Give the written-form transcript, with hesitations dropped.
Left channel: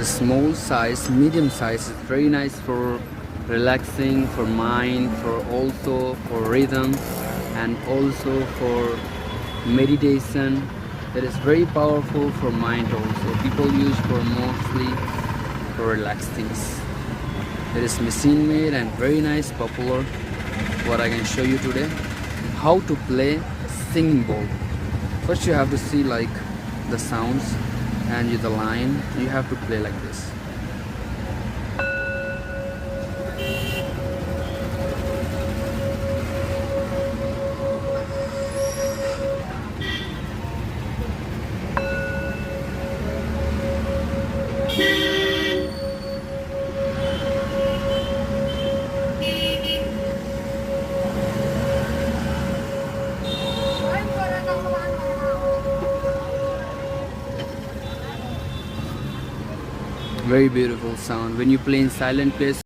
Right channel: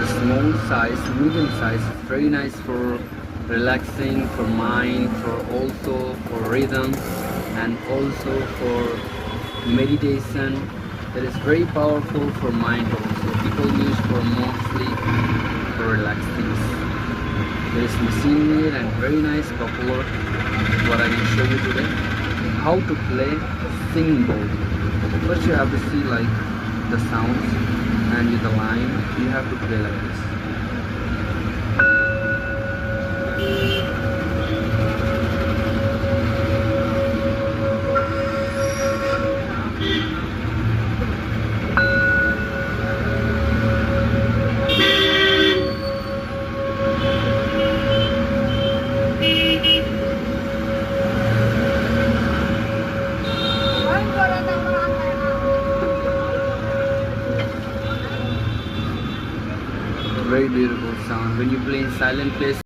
The small size, medium size is very nice for relaxing, for mind, for also for rhythm, and also for meditation. It is very powerful for mind also. People use for mostly for relax things. It is machine made and very nice, popular. What I can show you today, how to play a singing bowl. First you have to see like the sounds and the line. You have to play like this. Very beautiful sound when you play in silent place.